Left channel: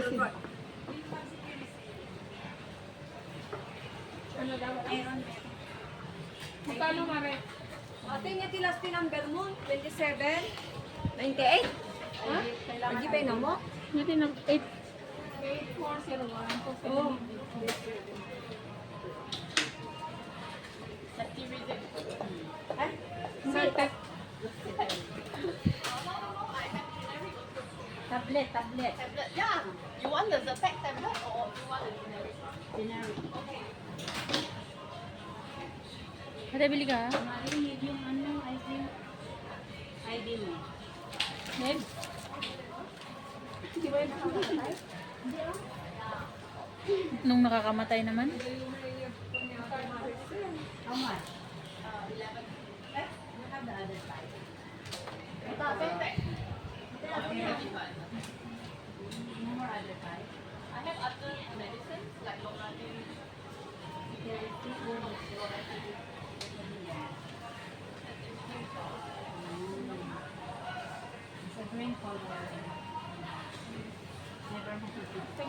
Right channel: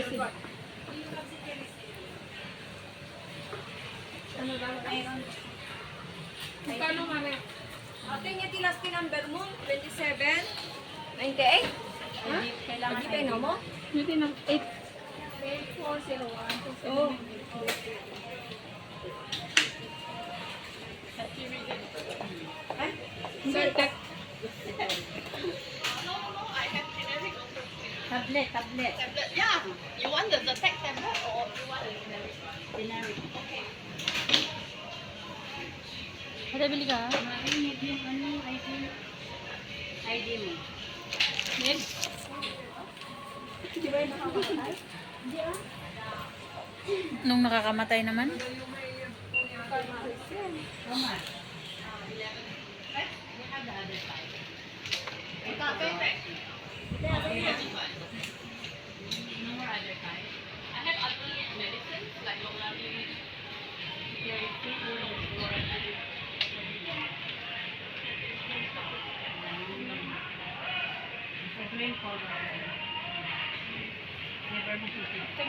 Ano daw? Iron. Magkano mare? Ate niya tilasti number mo, 27, 98. Ha? Lagi pa yun mo? Hindi ng 8. 8401. Oo. Certec. Tablet. Tablet, yeah. You want the tech tablet or you want the generic? Generic. Okay. Ada bili ka? ID mo. Yan. Di ba yung nakakatay? Nung nakakamatay naman. How much? 11. We have the other side. Tech. No more other side. I have other medicines like Loratadine. Sa green color. Never makikita.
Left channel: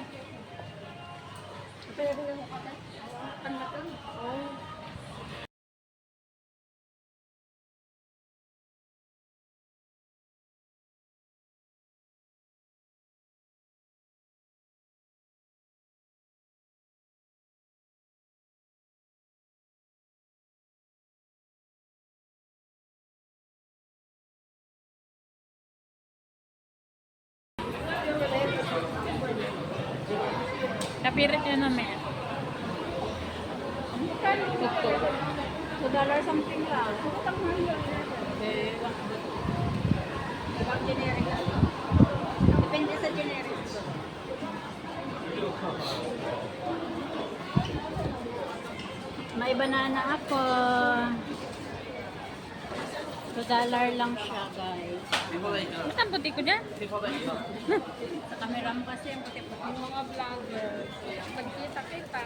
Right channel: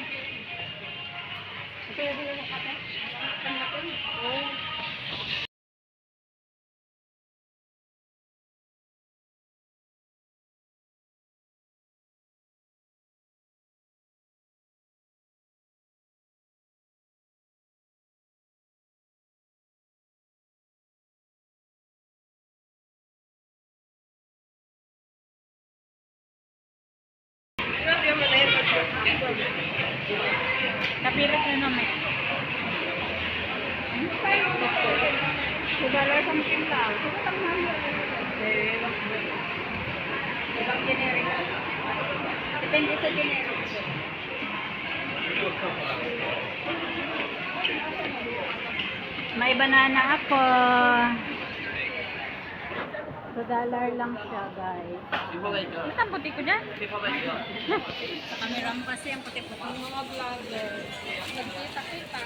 Kapirat na naman. $2 something lang. Ibang generic. Depende sa generic. May banana ako. $2 lang siya, guys. Ano ang puti ko dyan? Sa camera mo kasi ang puti-puti. Ang mga vlogger. Nagkita-kita.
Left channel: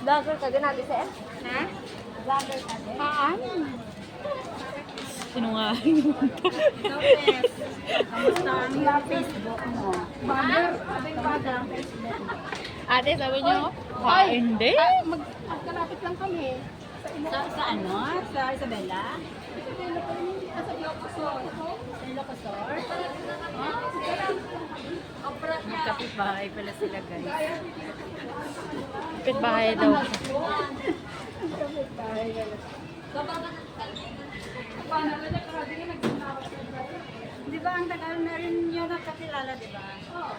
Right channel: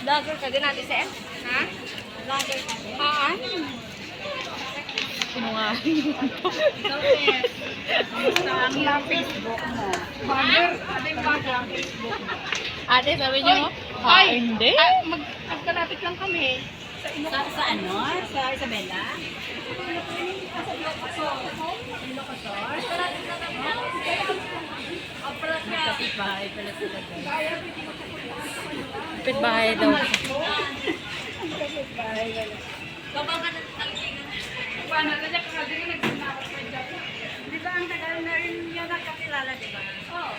Vlogger ka din natin, Sen? Ha? Vlogger ka din? Sinungaling. Ang Facebook mo. Vlogger? Ano yung vlogger? Ate, sabi niyo? Hindi. Magkalapit lang kami. Sa ano? Sa Isabela? Kapit-bahay pala sila guys. Kapit-bahay daw. Kapit-bahay pala. Kapag ka nagtalingan. Paano na dyan? Kasi nga nagsinapot pa dyan. Di ba ang tagal na rin yun nakakilala, di ba? Oo.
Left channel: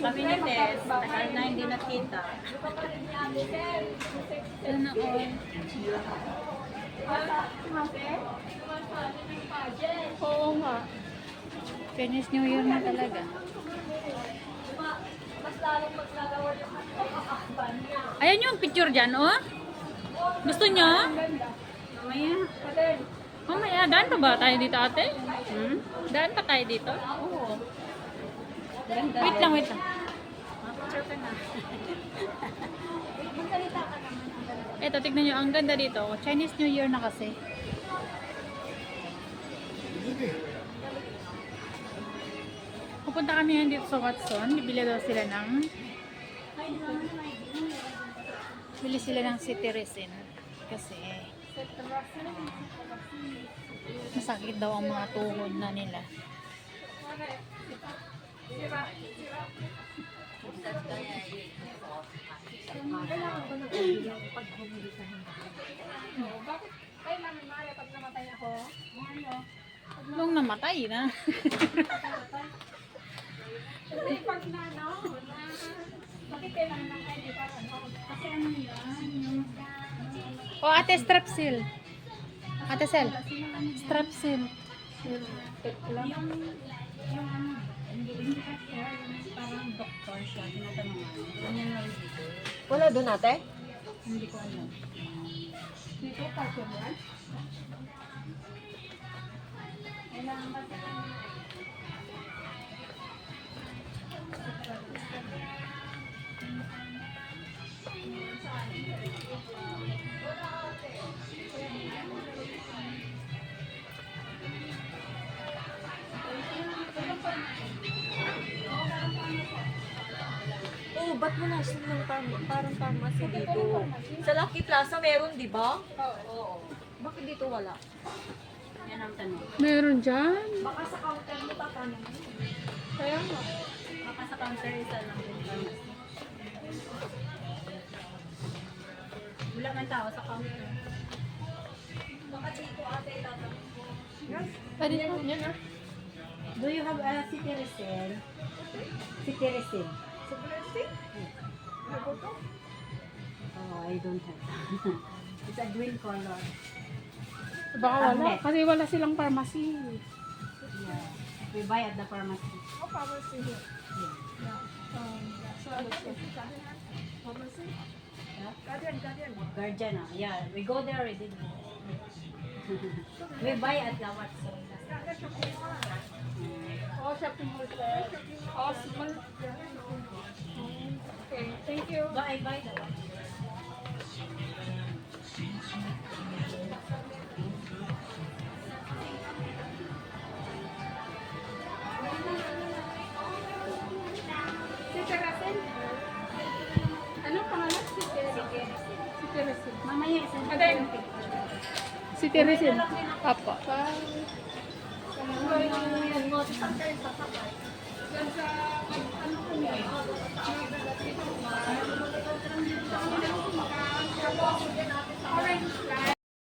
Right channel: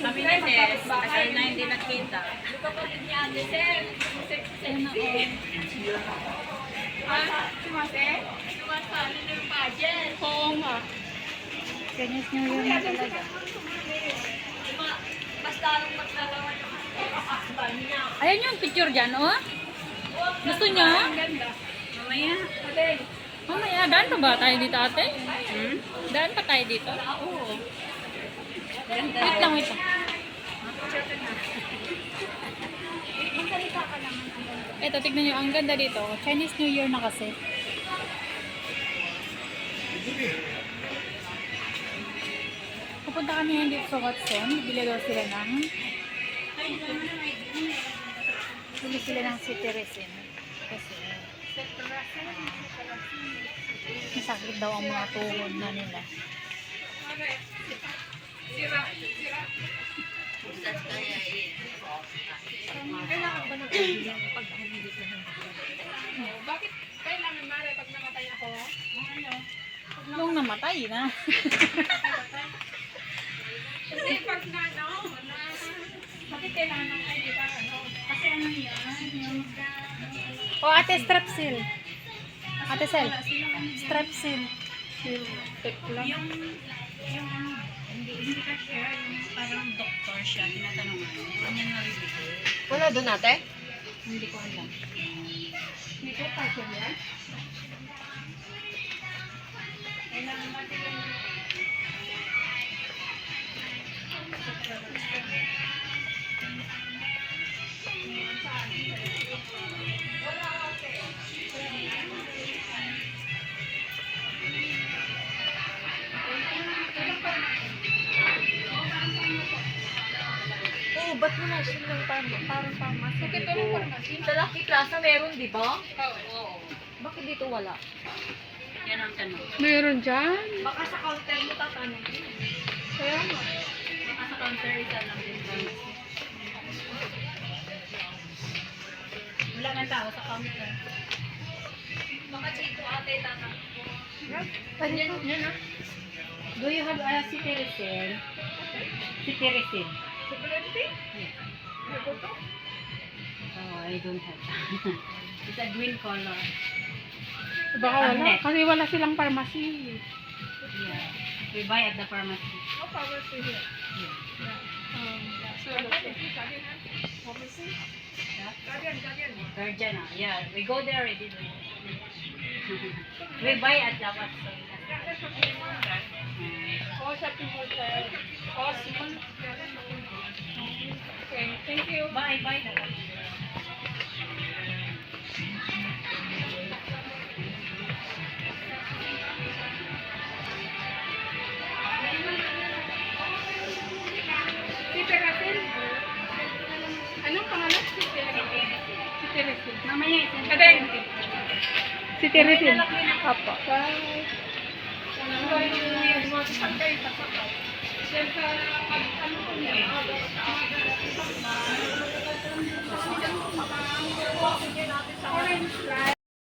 Sabi ni Tess, tagal na hindi nakita. Di ba kapit niya ate, Sir? Si Mate? Sumasali na yung pageant. Oo nga. Chinese New Year na talaga. Mas lalong maglalawan yung husband niya. Ayan yung picture dyan, oh. Gusto niyo? Ang ganda. Mamaya. Ate. Mamaya, daan pa ba tayo dito, ate? Daan pa tayo dito? Oo. Ganda. Wait lang, wait lang. Magsalita ka naman. Eto, tignan nyo, ang ganda dito. Chinese New Year na kasi. Pupunta kami ngayon dito sa Watson. Bibili daw sila ng city resin. Kasi masakit daw ang mga tuhod na nila. Kailangan ba ng bilang pag bumili ka ng bakit? Bakit kailangan mare pag namatay ako? Ano? Nung namatay na. Kasi pag na, no? Bakit kailangan ng ID para, no? Kasi ano yan? Yung O ate, strepsil. Ate Sel, strepsil. yung ano, hindi ka share, yung parang doktor siya, tinatanong mo. Ano yung nabibigay? Wala doon ate? Hindi ko alam. May kapatid yan? Kailangan natin Parang pharmacy Bakit dito. walang pharmacy? Sa Lucky Plaza meron, di ba? Oo. Bakit dito wala? Yan ang tanong. Mayroon dyan. Baka sa counter mo tatanong. Kaya nga. Baka sa counter isa lang din pharmacy. Wala man tao sa counter. Baka dito ate tatanong. Do you have a city resin? City resin? Sa Blessy? Ano to? Oh, I don't have. It's a green color. Baka wala. Tablet. Kasi wala silang pharmacy. Yeah. We buy at the pharmacy. Oh, pharmacy here. Yeah. Pharmacy? Yeah. Guardian. Guardian, yeah. We go there already. We buy at the Watson. Oh, shopping hotel. Oh, small. Okay, thank you. Buy. Si Teresil? Anong pangalan? Si Teresil. Si Teresil. Mamaya isa. Adeng. Si Teresin. Opo. Bye. Saan kayo pasok? Yan sa ano ko niya?